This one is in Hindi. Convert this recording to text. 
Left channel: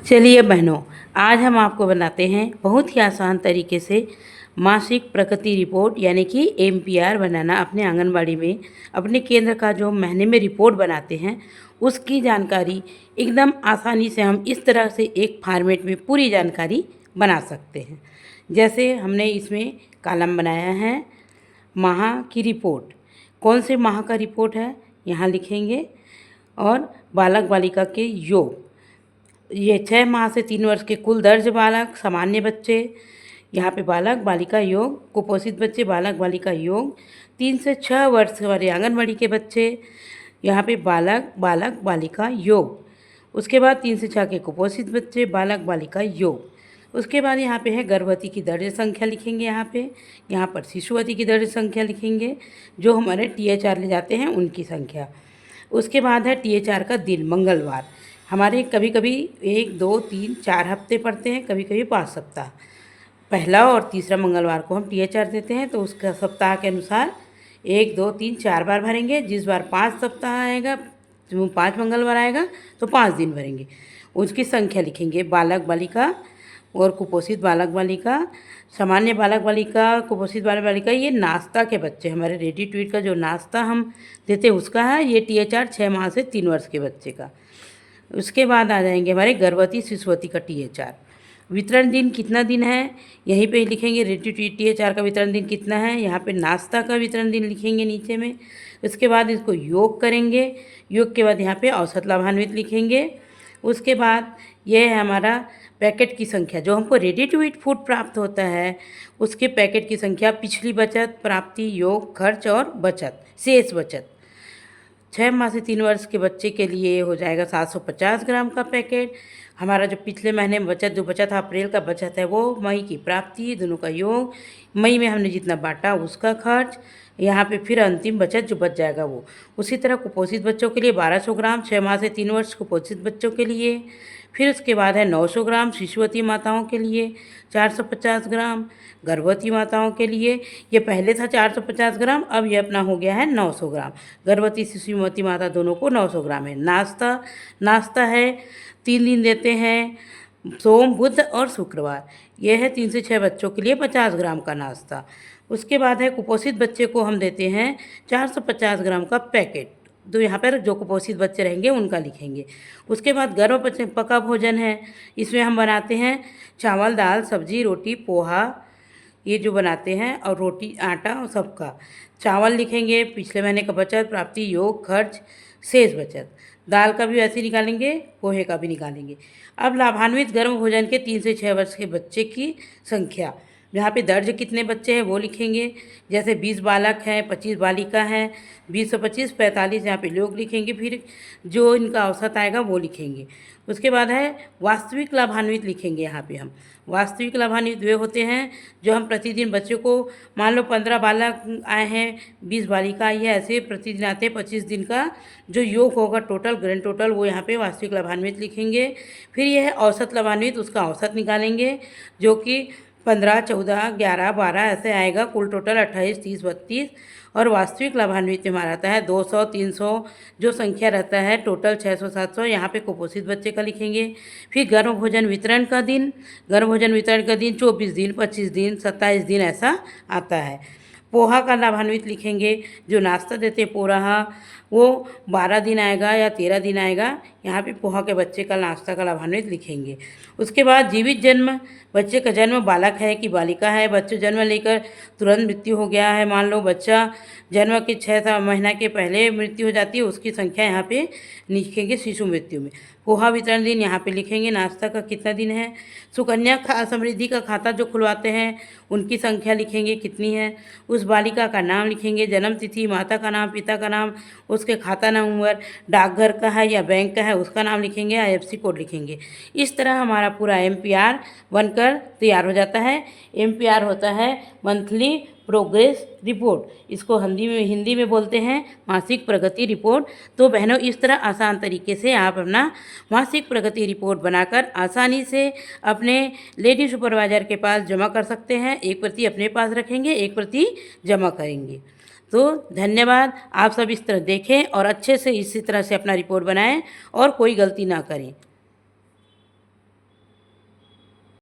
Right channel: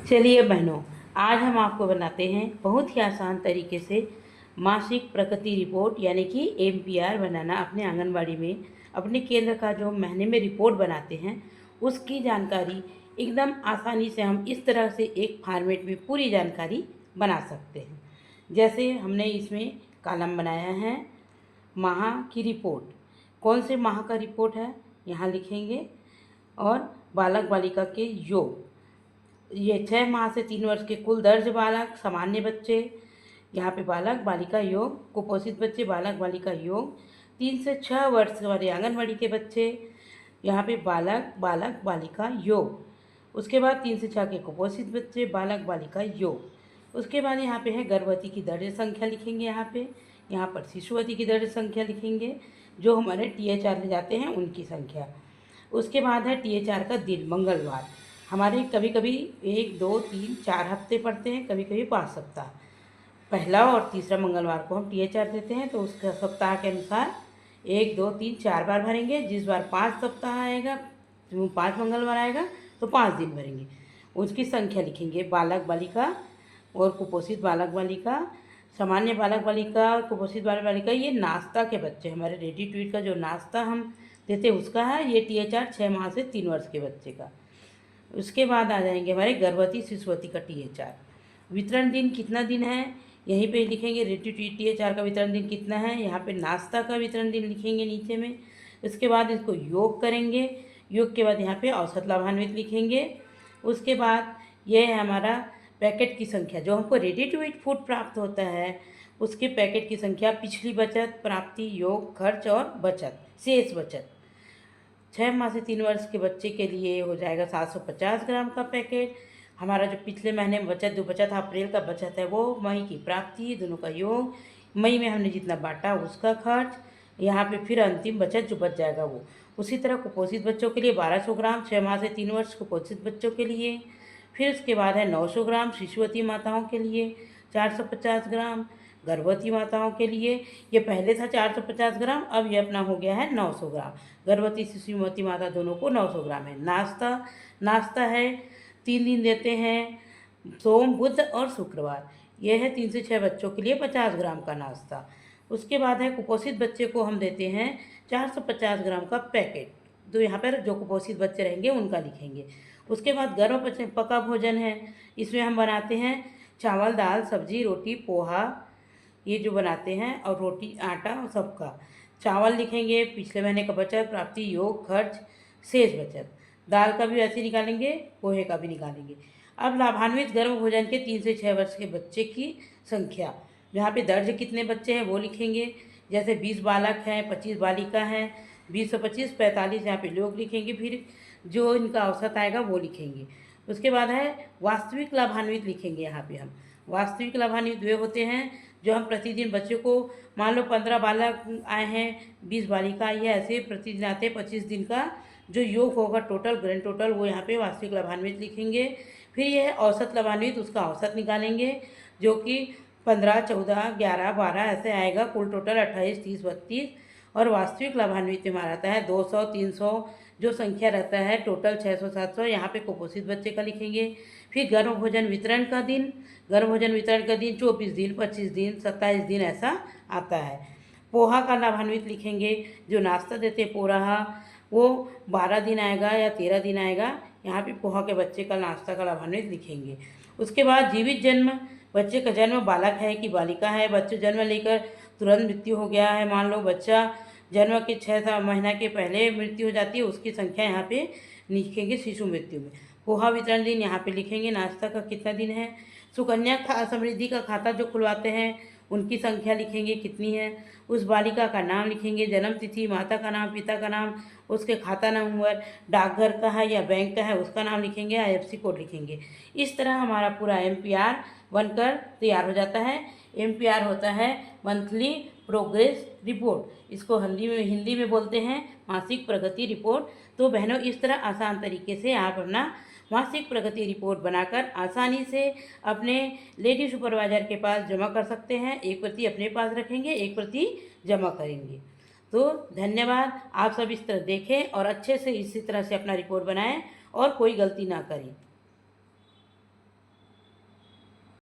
चलिए बहनों, आज हम आपको बनाते हैं बहुत ही आसान तरीके से मासिक प्रगति रिपोर्ट यानी कि एमपीआर बनाना। अपने आंगनबाड़ी में अपने केंद्र का जो महीने में रिपोर्ट बनाते हैं उसकी जानकारी एकदम आसानी से हम इस तरह से एक फॉर्मेट में पूरी जानकारी बना सकते हैं। जैसे हमने इसमें कॉलम बनाया है माह की रिपोर्ट, कौन से माह का रिपोर्ट है यहाँ लिखेंगे, और बालक बालिका के योग, ये 6 माह से 3 वर्ष के कुल दर्ज बालक, सामान्य बच्चे, यहाँ पे बालक बालिका योग, कुपोषित बच्चे, बालक बालिका योग, 3 से 6 वर्ष वाले आंगनबाड़ी के बच्चे, यहाँ पे बालक बालक बालिका योग। उसके बाद 3 से 6 के कुपोषित बच्चे, बालक बालिका योग। उसके बाद यहाँ पे है गर्भवती की दर्ज संख्या लिखेंगे, यहाँ पर शिशुवती की दर्ज संख्या लिखेंगे, जो हमारे THR ले जाते हैं उनकी संख्या। उसके बाद है THR का दिन, मंगलवार। हमारे कभी कभी 1 2 3 4 हफ्ते पड़ते हैं, कभी कभी 5 सप्ताह। पहला और तीसरा मंगलवार को हम THR देते हैं, तो उसका सप्ताह के अनुसार 1 2 3 4 बार भरेंगे। जिस बार 5 सप्ताह आएगा, 5 मंगलवार आएगा तो 5 दिन भरेंगे। उसकी संख्या लिखेंगे, बालक बालिका और कुपोषित बालक बालिका, सामान्य बालक बालिका, कुपोषित बालक बालिका। ये नाश्ता के बच्चे, हमारे रेडी टू ईट का जो नाश्ता हम देते हैं उसका है ये THR 6 माह से 3 वर्ष के बच्चे का। उसके बाद आ जाएंगे हमारे गर्भवती शिशुवती का THR। वितरण दिन कितना दिन है यहीं पे लिखेंगे, रेडी टू ईट THR का वितरण दिन कितना है, यहाँ पे नाश्ता का वितरण दिन लिखेंगे नीचे में। उसके बाद इसको योग करेंगे, योग के बाद यहाँ पे औसत लाभान्वित लिखेंगे। उसके बाद ये है हमारा पैकेट की संख्या, जो हमको रेडी टू ईट फूड प्राप्त होता है उसके पैकेट की संख्या, पिछली बचत, प्राप्ति, योग, खर्च और बचत, शेष बचत। 6 माह से 3 वर्ष के बच्चे के लिए हो जाएगा 750 ग्राम का पैकेट। हमारा जो पिछले महीने में बचत जो बचा था, अप्रैल का बचत है, वो मई की प्राप्ति, दोनों का योग, मई में हमने जितना बांटा उसका खर्च, यहाँ पे फिर अंतिम बचत जो बच जाएगा वो। उसी तरह कुपोषित बच्चों के लिए 1200 ग्राम, 6 माह से 3 वर्ष कुपोषित बच्चों के लिए। फिर उसके बाद है 900 ग्राम शिशुवती माताओं के लिए, 450 ग्राम गर्भवती माताओं के लिए। ये पहले था 450 ग्राम, अब ये अपना हो गया है 900 ग्राम। गर्भवती शिशुवती माता दोनों को 900 ग्राम है। नाश्ता है 3 दिन देते हैं, सोम, बुध और शुक्रवार। ये है 3 से 6 बच्चों के लिए 50 ग्राम का नाश्ता। उसके बाद है कुपोषित बच्चे को हम देते हैं 450 ग्राम का पैकेट, तो यहाँ पर जो कुपोषित बच्चे रहेंगे उनका लिखेंगे। उसके बाद गर्भ पका भोजन है, इसमें हम बनाते हैं चावल, दाल, सब्जी, रोटी, पोहा, ये जो बनाते हैं, और रोटी, आटा और सबका। चावल लिखेंगे, पिछले महीने का बचत, प्राप्ति, योग, खर्च, शेष बचत। दाल का भी वैसे निकालेंगे, पोहे का भी निकालेंगे। अब लाभान्वित गर्भ भोजन के 3 से 6 वर्ष के बच्चे की संख्या, यहाँ पे दर्ज कितने बच्चे हैं वो लिखेंगे। जैसे 20 बालक हैं, 25 बालिका हैं, 20 और 25 45, यहाँ पे लोग लिखेंगे। फिर जो इनका औसत आएगा वो लिखेंगे। उसके बाद है वास्तविक लाभान्वित लिखेंगे। यहाँ पे हम वास्तविक लाभान्वित वे होते हैं जो हम प्रतिदिन बच्चों को, मान लो 15 बालक आए हैं, 20 बालिका आई है, ऐसे प्रतिदिन आते हैं। 25 दिन का जो योग होगा टोटल, ग्रैंड टोटल, वो यहाँ पे वास्तविक लाभान्वित लिखेंगे। फिर यह है औसत लाभान्वित, उसका औसत निकालेंगे, जो कि 15 14 11 12 ऐसे आएगा। कुल टोटल 28 30 32, और वास्तविक लाभान्वित हमारा आता है 200 300, जो संख्या रहता है टोटल 600 700। यहाँ पे कुपोषित बच्चे का लिखेंगे। फिर गर्भ भोजन वितरण का दिन, गर्भ भोजन वितरण का दिन 24 दिन, 25 दिन, 27 दिन ऐसा आता है। पोहा का लाभान्वित लिखेंगे, जो नाश्ता देते पोहा, वो 12 दिन आएगा या 13 दिन आएगा। यहाँ पे पोहा के बच्चे का नाश्ता का लाभान्वित लिखेंगे। उसके बाद जीवित जन्म, बच्चे का जन्म बालक है कि बालिका है, बच्चे जन्म लेकर तुरंत मृत्यु हो गया है, मान लो बच्चा जन्म के 6 महीना के पहले मृत्यु हो जाती है, उसकी संख्या यहाँ पे लिखेंगे शिशु मृत्यु में। पोहा वितरण दिन यहाँ पे लिखेंगे, नाश्ता का कितना दिन है। सुकन्या समृद्धि का खाता जो खुलवाते हैं उनकी संख्या लिखेंगे कितनी है। उस बालिका का नाम लिखेंगे, जन्म तिथि, माता का नाम, पिता का नाम, उसके खाता नंबर, डाकघर का है या बैंक का है उसका नाम लिखेंगे, IFSC कोड लिखेंगे। इस तरह हमारा पूरा MPR बनकर तैयार हो जाता है। MPR होता है मंथली प्रोग्रेस रिपोर्ट, इसको हिंदी में बोलते हैं मासिक प्रगति रिपोर्ट। तो बहनों, इस तरह आसान तरीके से आप अपना मासिक प्रगति रिपोर्ट बनाकर आसानी से अपने लेडी सुपरवाइजर के पास जमा कर सकते हैं। एक प्रति अपने पास रखेंगे, एक प्रति जमा करेंगे। तो धन्यवाद। आप सब इस तरह देखें और अच्छे से इसी तरह से अपना रिपोर्ट बनाएं और कोई गलती ना करें।